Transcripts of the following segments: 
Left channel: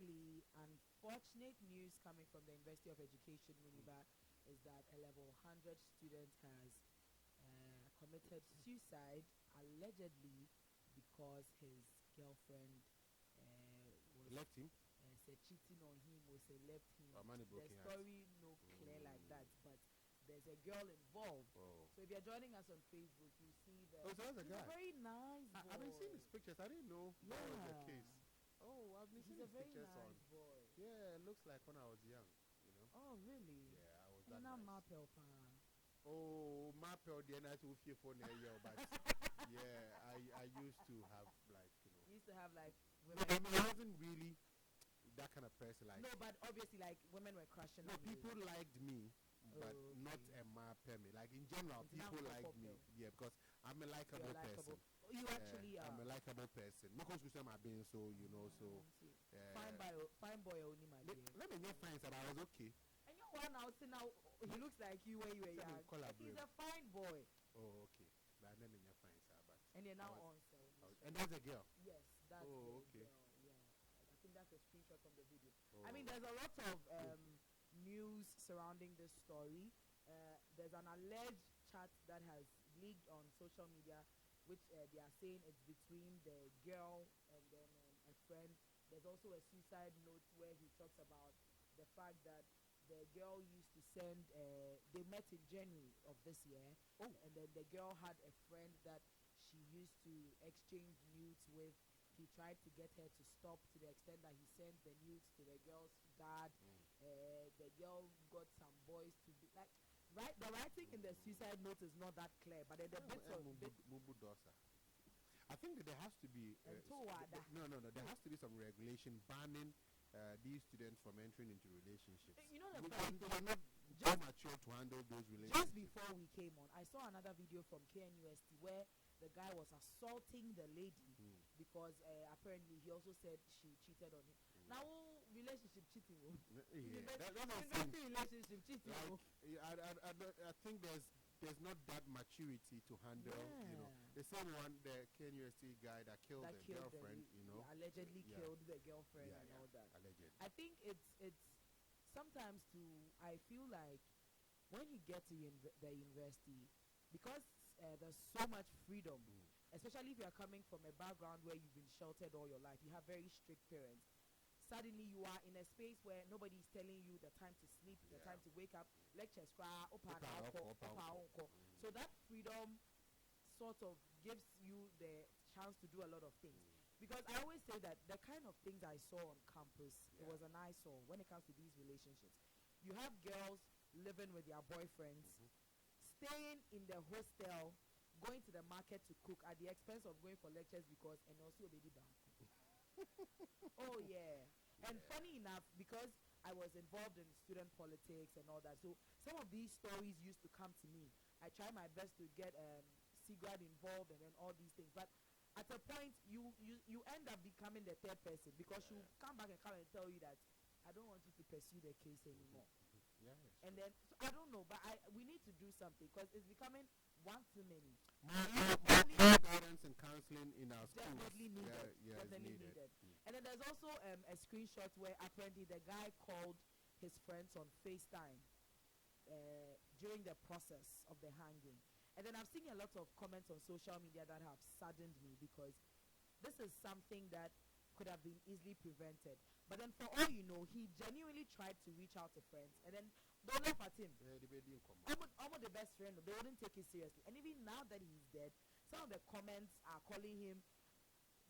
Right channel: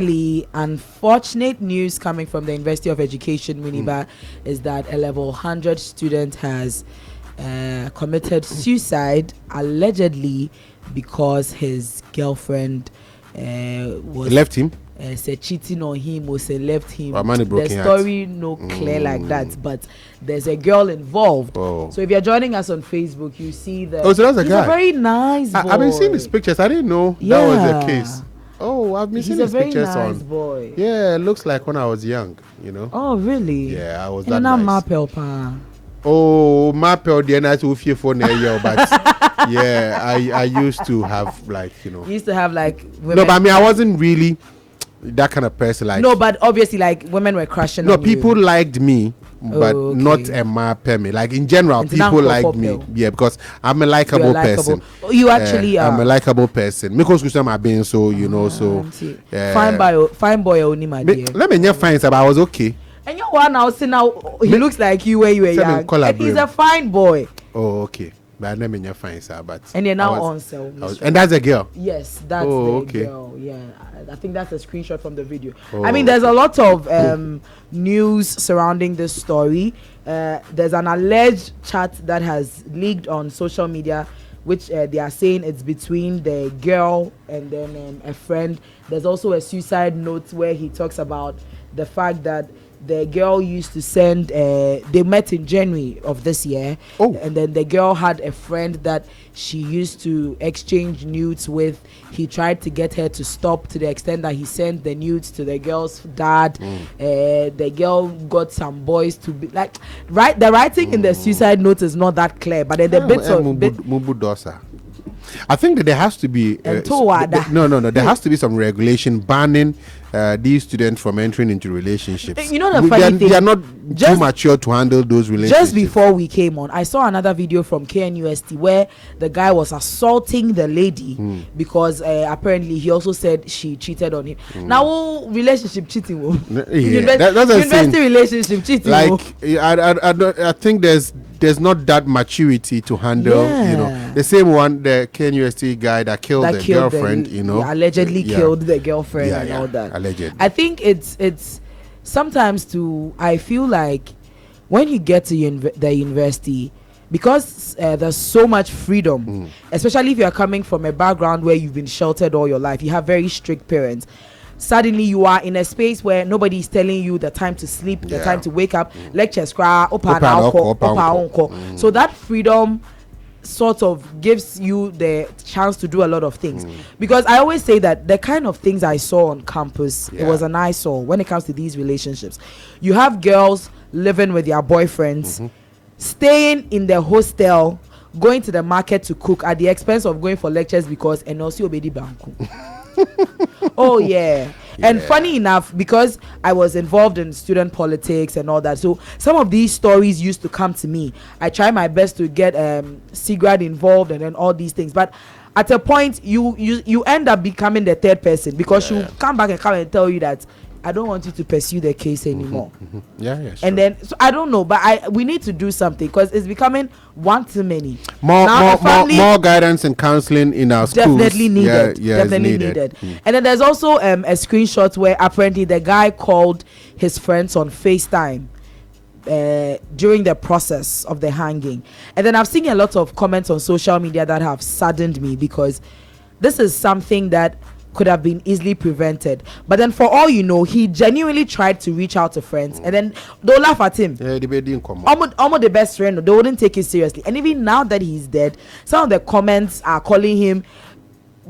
Unfortunate news coming from the University of Education, Winneba, is that a level 100 student has committed suicide, allegedly because his girlfriend was left him. Said cheating on him or say left him. The story no clear like that, but there's a girl involved. So if you're joining us on Facebook, you see that. So that's a guy. He's a very nice boy. I've been seeing his pictures. I didn't know that was the case. Oh, I've been seeing his pictures nice on. Boy. Yeah, it looks like when I was young, you know. Oh, really? Yeah, I was and that nice. Oh, Mape, the nice who fear for but yeah, I used to have like, you know. You used to have like women. No, but I mean, I wasn't really that kind of person. Like no, but obviously, like women were crushing. No, on people you. Liked me. But not a Mape me. Like in general, people like me. Yeah, because I'm a likable person. You actually are. I'm a likable person. Because I'm being so, you know, so. Fine boy, only my dear. Let me just find but I was okay. And you one now, see now, he looks like you when you were young. And he's a fine boy. Oh, okay. But let me just find but. And you're now on sale. And that's a girl. Yes, that's the girl. Yeah, I think that's a screenshot from the video. I mean, there's a lot of news surrounding this story. There's an alleged chat that has leaked on social media, which they are saying it's between the girl and then a friend. There's also a suicide note where he talks about the fact that the girl used to send they met in January of this year, and then the girl had a friend that she used to exchange nudes with. He tried to get her to stop, to the extent that he sent the nudes to the girl's dad. The girl got some boys to be like, right, the writing in the suicide note is not that clear, but the bits of I think that there has to be there has to be some regulation banning these students from entering into relationships. You know the funny thing, they are not too mature to handle those relationships. Just before we came on, I saw another video from KNUST where the guy was assaulting the lady because apparently he also said she cheated on him. Now relationship cheating, university relationship cheating. Like I think there's not that maturity to handle, you know, the same one, the KNUST guy that killed the girlfriend, you know, allegedly killed the girlfriend and all that. Allegedly. I think it's sometimes I feel like when you get to the university, because there's so much freedom, especially if you're coming from a background where you've been sheltered all your life, you have very strict parents. Suddenly you are in a space where nobody is telling you the time to sleep, the time to wake up, lectures, so that freedom sort of gives you the chance to do a lot of things. Because I always say that the kind of things I saw on campus, it was an eyesore when it comes to these relationships. You have girls living with their boyfriends, staying in the hostel, going to the market to cook at the expense of going for lectures because Enosi Obedi Banku. Oh yeah. And funny enough, because I was involved in student politics and all that, so some of these stories used to come to me. I try my best to get SIGRAD involved and then all these things, but at a point you end up becoming the third person, because you come back and tell you that I don't want you to pursue the case anymore. And then so I don't know, but we need to do something, because it's becoming one too many. More guidance and counseling in our schools. Definitely needed. And then there's also a screenshot where apparently the guy called his friends on FaceTime during the process of the hanging. And then I've seen a lot of comments on social media that have saddened me, because this is something that could have been easily prevented. But then for all you know, he genuinely tried to reach out to friends, and then they'll laugh at him. Almost the best friend, they wouldn't take it seriously. And even now that he's dead, some of the comments are calling him,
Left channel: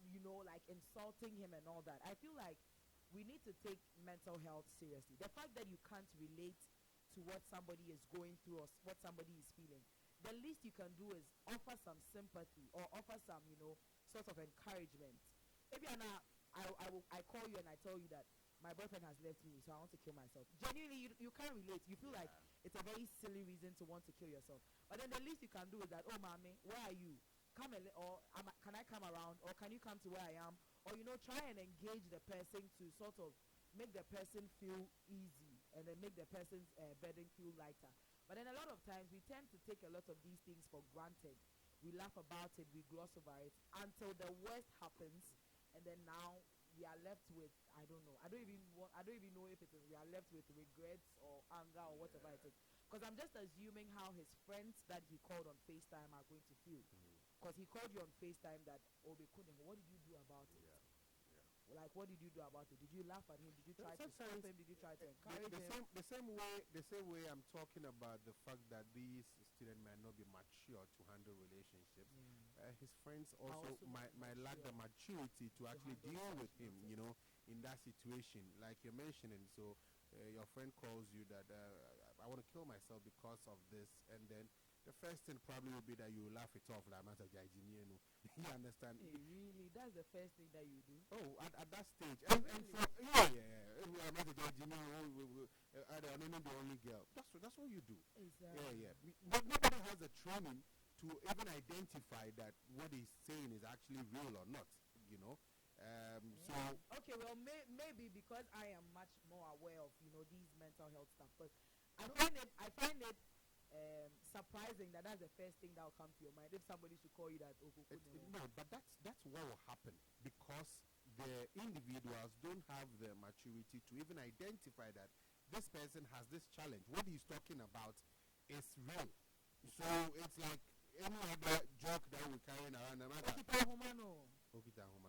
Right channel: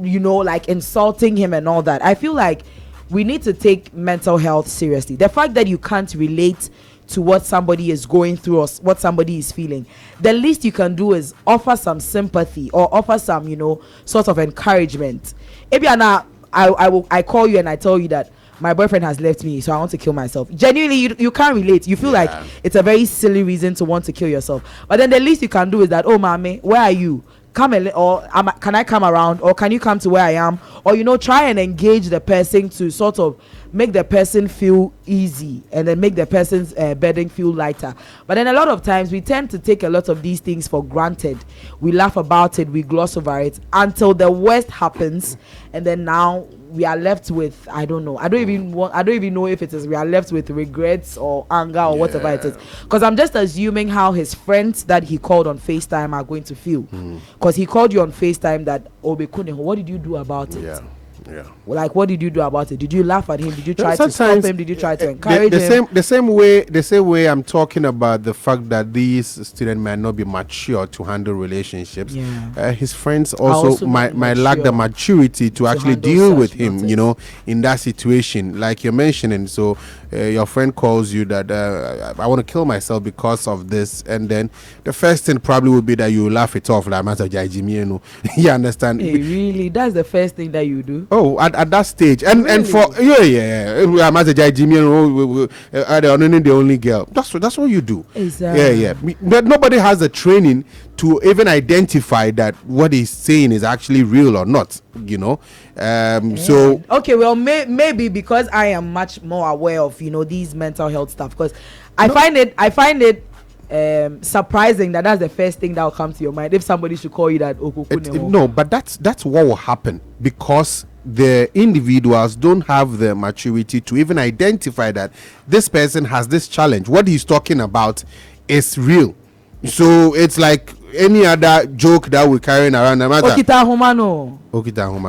you know, like insulting him and all that. I feel like we need to take mental health seriously. The fact that you can't relate to what somebody is going through or what somebody is feeling, the least you can do is offer some sympathy or offer some, you know, sort of encouragement. Ebiana, I call you and I tell you that my boyfriend has left me, so I want to kill myself. Genuinely, you can't relate. You feel like it's a very silly reason to want to kill yourself. But then the least you can do is that, oh, Maame, where are you? Come can I come around, or can you come to where I am? Or, you know, try and engage the person to sort of make the person feel easy and then make the person's burden feel lighter. But then a lot of times we tend to take a lot of these things for granted. We laugh about it, we gloss over it until the worst happens, and then now we are left with, I don't know. I don't even know if it is we are left with regrets or anger or whatever it is. Because I'm just assuming how his friends that he called on FaceTime are going to feel. Because he called you on FaceTime that Obekune, what did you do about it? Yeah. Like, what did you do about it? Did you laugh at him? Did you try to stop him? Did you try to encourage him? The same way I'm talking about the fact that these students might not be mature to handle relationships. His friends also might lack the maturity to actually deal with him, you know, in that situation, like you're mentioning. So your friend calls you that I want to kill myself because of this, and then the first thing probably would be that you laugh it off, like you understand? Hey, really? That's the first thing that you do? Oh, at that stage, and really? And for I'm as a Jimmy, the only girl. That's what you do. Exactly. But nobody has the training to even identify that what he's saying is actually real or not. You know, so okay. Well, maybe because I am much more aware of these mental health stuff. Because I find it surprising that that's the first thing that will come to your mind if somebody should call you that. No, but that's what will happen because the individuals don't have the maturity to even identify that this person has this challenge. What he's talking about is real. So it's like any other joke that we're carrying around. Okita Humano.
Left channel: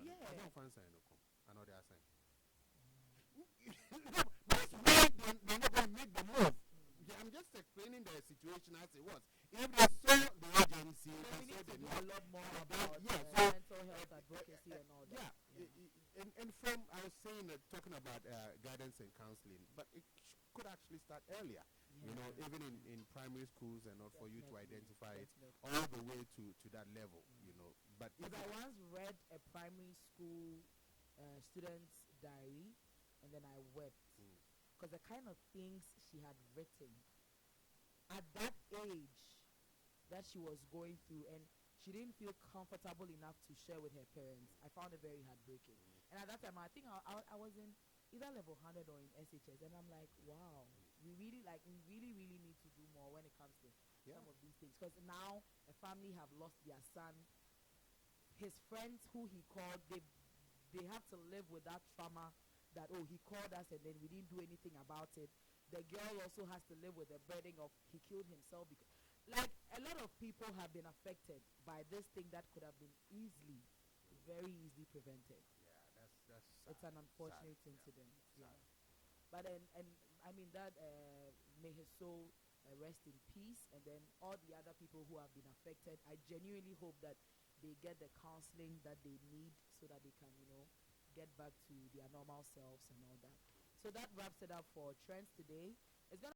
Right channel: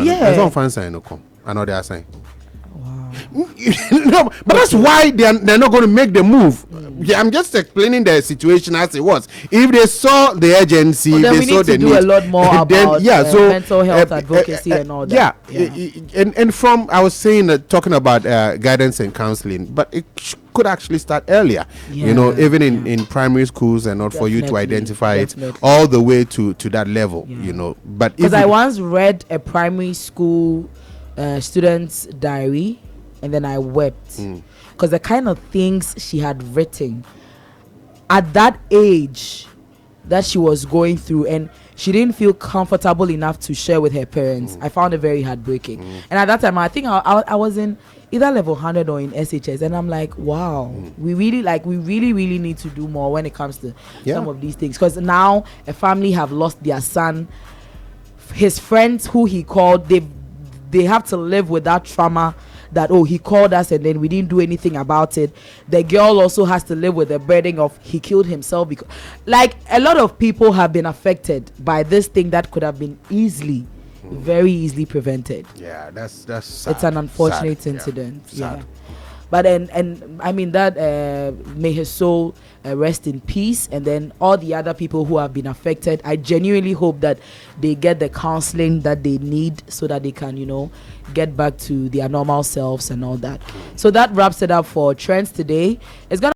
Yeah. That's one fan sign. I know they are saying. No, but that's why they're not going to make the move. I'm just explaining the situation as it was. If they saw the urgency, then they we saw need to do a lot more about mental health advocacy and all that. And from I was saying talking about guidance and counseling, but it could actually start earlier. Even in primary schools and not for you to identify it all the way to that level. But because I once read a primary school student's diary, and then I wept because the kind of things she had written at that age that she was going through, and she didn't feel comfortable enough to share with her parents. I found it very heartbreaking. And at that time, I think I was in either level 100 or in SHS, and I'm like, wow, we really need to do more when it comes to some of these things. Because now a family have lost their son. His friends who he called, they have to live with that trauma that he called us and then we didn't do anything about it. The girl also has to live with the burden of he killed himself because, like, a lot of people have been affected by this thing that could have been very easily prevented. That's sad. It's an unfortunate incident. Sad. But and I mean that may his soul rest in peace, and then all the other people who have been affected, I genuinely hope that they get the counseling that they need so that they can get back to their normal selves and all that. So that wraps it up for Trends today. It's gonna